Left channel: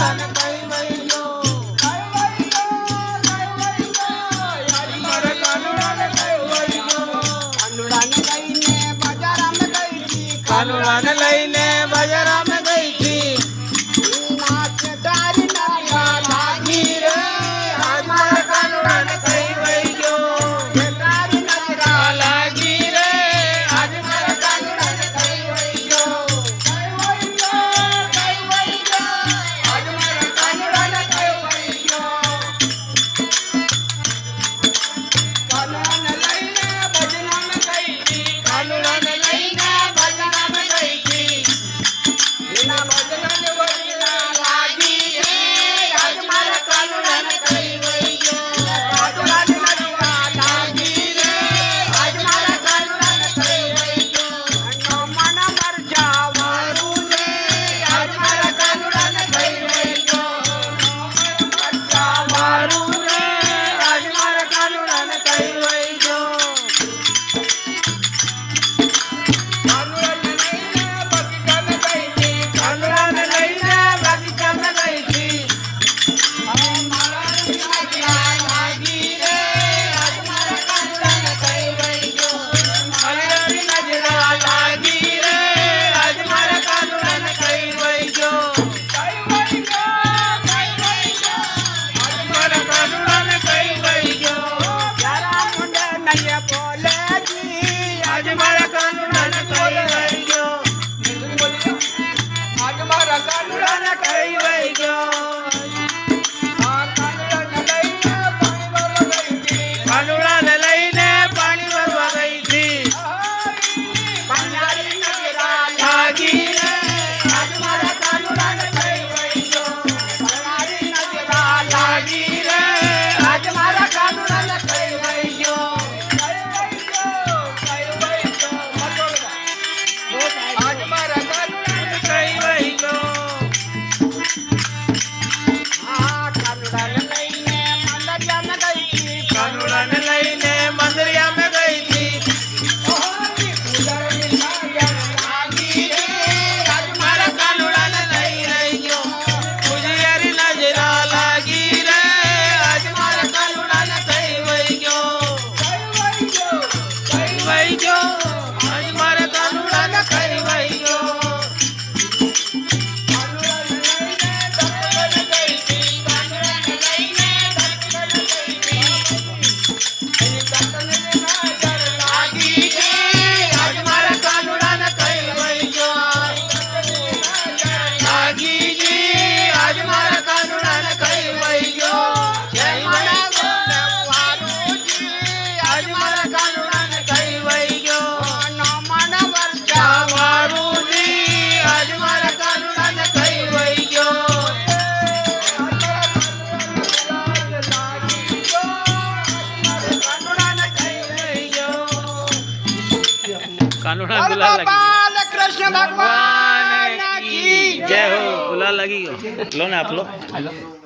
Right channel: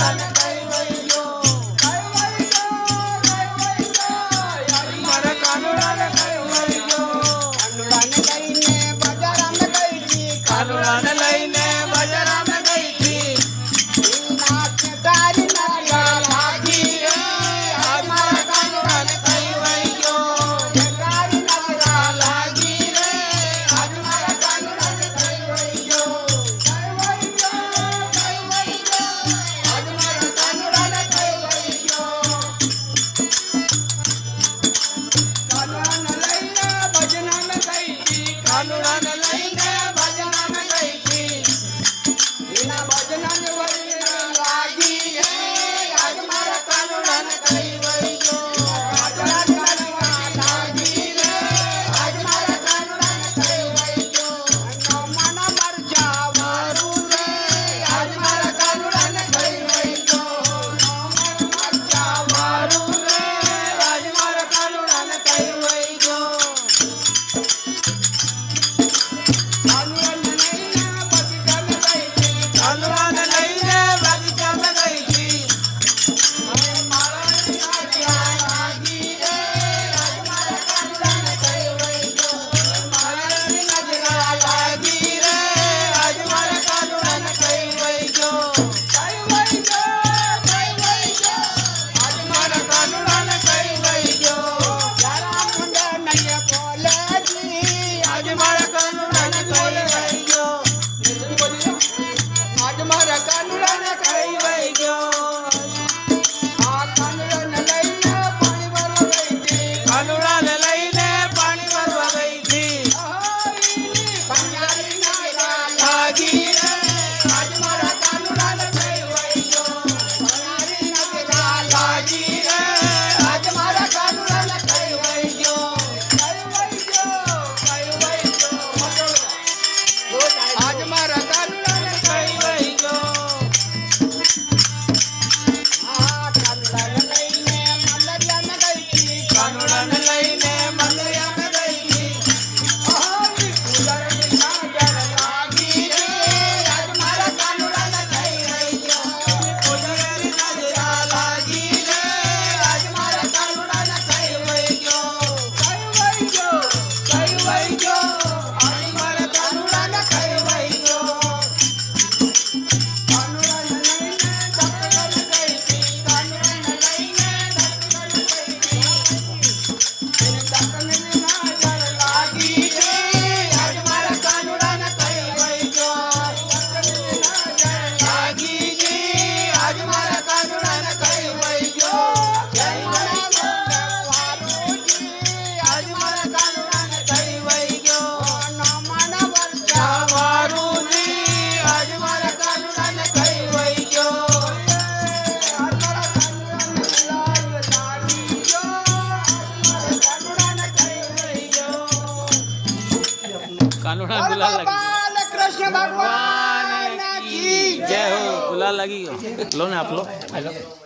કાનુડાને કઈ વઈ ગયો મારા કાનુડાને કઈ વઈ ગયો કાનુડાને લઈને બજારમાં ગઈ હતી તારી નજરા લાગી રે આજ મારા કાનુડાને કઈ વઈ ગયો તારી નજરા લાગી રે આજ મારા કાનુડાને કઈ વઈ ગયો આજ મારા કાનુડાને કઈ વઈ ગયો કાનુડાને લઈને બજારમાં ગઈ હતી કાનુડાને લઈને બજારમાં ગઈ હતી એના બજારને વળીના લાગી રે આજ મારા કાનુડાને કઈ વઈ ગયો કાનુડાને નજરા લાગી રે આજ મારા કાનુડાને કઈ વઈ ગયો નોમાના મરચા વારું રે આજ મારા કાનુડાને કઈ વઈ ગયો મરચા વારું રે આજ મારા કાનુડાને કઈ વઈ ગયો કાનુડાને લઈને બગીચામાં ગઈ હતી મારા નજરા લાગી રે આજ મારા કાનુડાને કઈ વઈ ગયો મારા નજરા લાગી રે આજ મારા કાનુડાને કઈ વઈ ગયો આજ મારા કાનુડાને કઈ વઈ ગયો યારા મુંડે નંગે બોલેજી આજ મારા કાનુડાને કઈ વઈ ગયો આજ મારા કાનુડાને કઈ વઈ ગયો કાનુડાને લઈને પાણી ભરવા ગઈ હતી કાનુડાની નજરા લાગી રે આજ મારા કાનુડાને કઈ વઈ ગયો કાનુડાની નજરા લાગી રે આજ મારા કાનુડાને કઈ વઈ ગયો આજ મારા કાનુડાને કઈ વઈ ગયો કાનુડાને લઈને મંદિરમાં ગઈ હતી લાગી રે આજ મારા કાનુડાને કઈ વઈ ગયો પૂજારી નજરા લાગી રે આજ મારા કાનુડાને કઈ વઈ ગયો કઈ વઈ ગયો આજ મારા કાનુડાને કઈ વઈ ગયો લાગી જી આજ મારા કાનુડાને કઈ વઈ ગયો લાગી જી આજ મારા કાનુડાને કઈ વઈ ગયો જય મારા વારુજી આજ મારા કાનુડાને કઈ વઈ ગયો નોમાના વરસા વારુજી આજ મારા કાનુડાને કઈ વઈ ગયો કાનુડાને કઈ વઈ ગયો कानूड़ा गुलाल लगी बाल कृष्ण भगवान भगवान की जय हो गुलाल लगी हो लो ना आप लो